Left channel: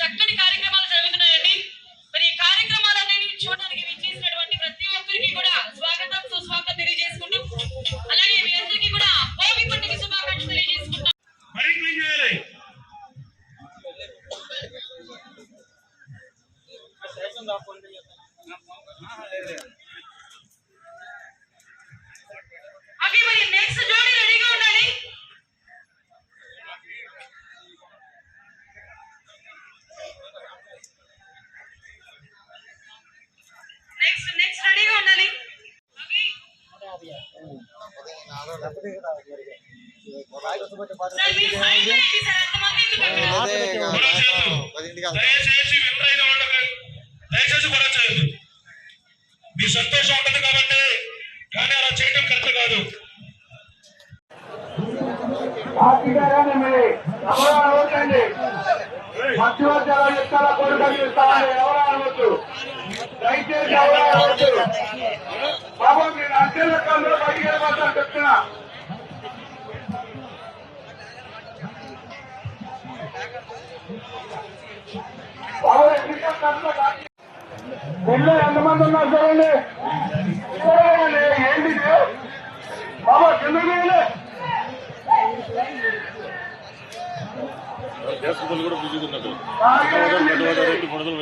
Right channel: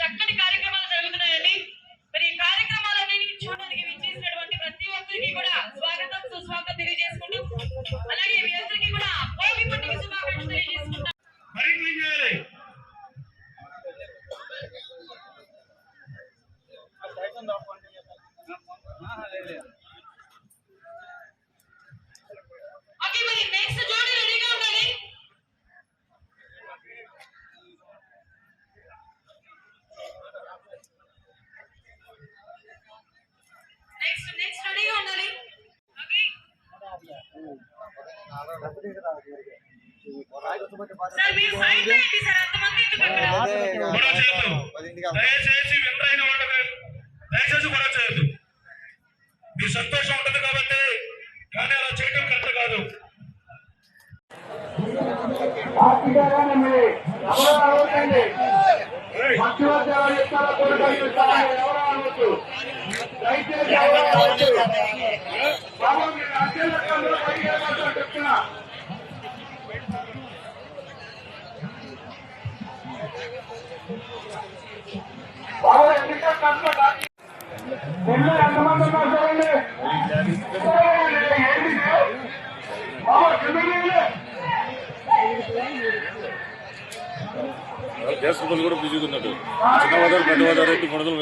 చక్కటి కార్యక్రమాలు జరుగుతున్నాయండి. మరి ఈ కార్యక్రమాలన్నీ చూడడానికి విచ్చేసినటువంటి ప్రతి ఒక్కరికి కూడా స్వాగతం సుస్వాగతం తెలియజేసుకుంటూ, అలాగే మీ అందరికీ కూడా భోగి పండుగ శుభాకాంక్షలు తెలియజేసుకుంటాం. మీ సంతోషం ఉండదు కాబట్టి, కానీ అలా చేయడం కరెక్ట్ కాదు. దేశంలో కూడా బిజీగా ఉన్నట్టు ధన్యవాదాలు కొనగలు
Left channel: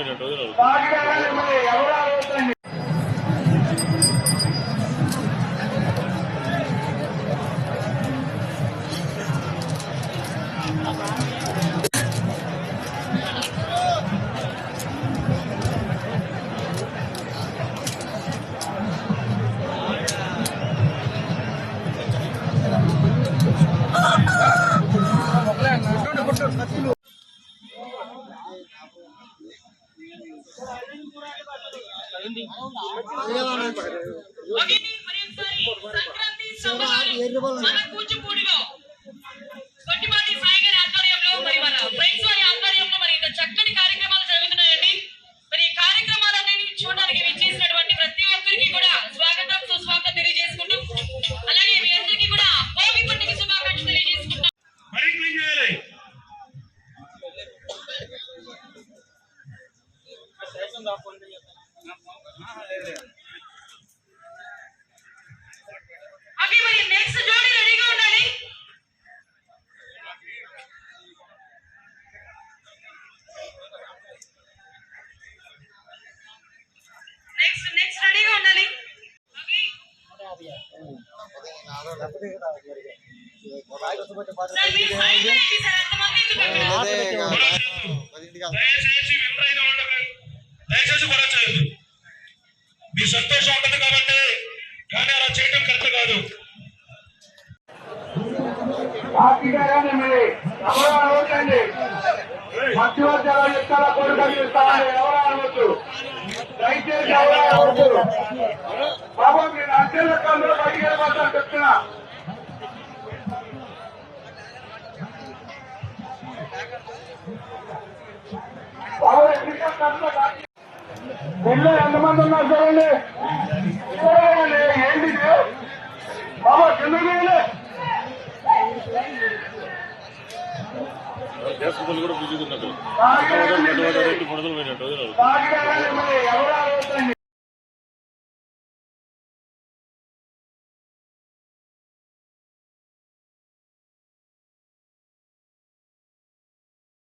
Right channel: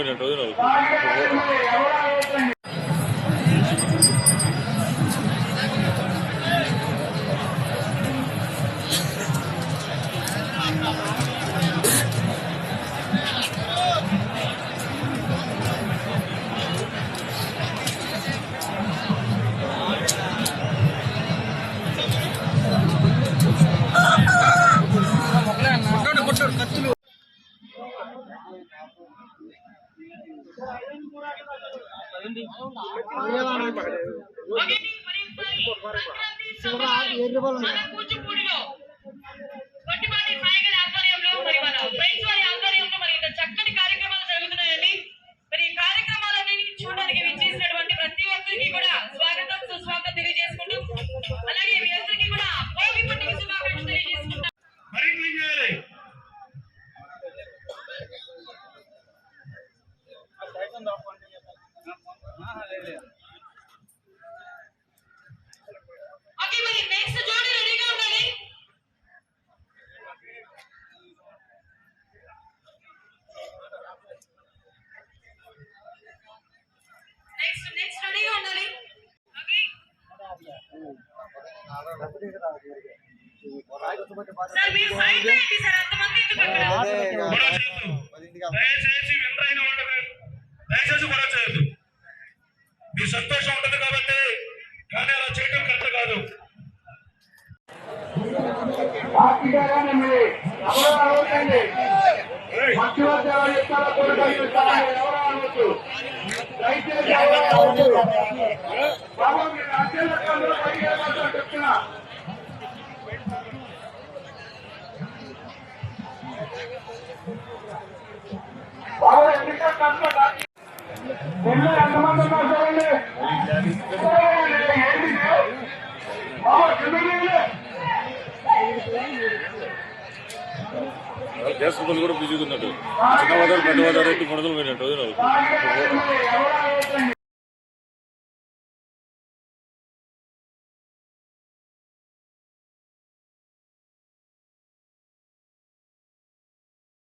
చక్కటి కార్యక్రమాలు జరుగుతున్నాయండి. మరి ఈ కార్యక్రమాలన్నీ చూడడానికి విచ్చేసినటువంటి ప్రతి ఒక్కరికి కూడా స్వాగతం సుస్వాగతం తెలియజేసుకుంటూ, అలాగే మీ అందరికీ కూడా భోగి పండుగ శుభాకాంక్షలు తెలియజేసుకుంటాం. దయచేసి కూడా చేయదు. మీ సంతోషం ఉండదు కాబట్టి, కానీ అలా చేయడం కరెక్ట్ కాదు. దేశంలో కూడా బిజీగా ఉన్నట్టు ధన్యవాదాలు కొనగలు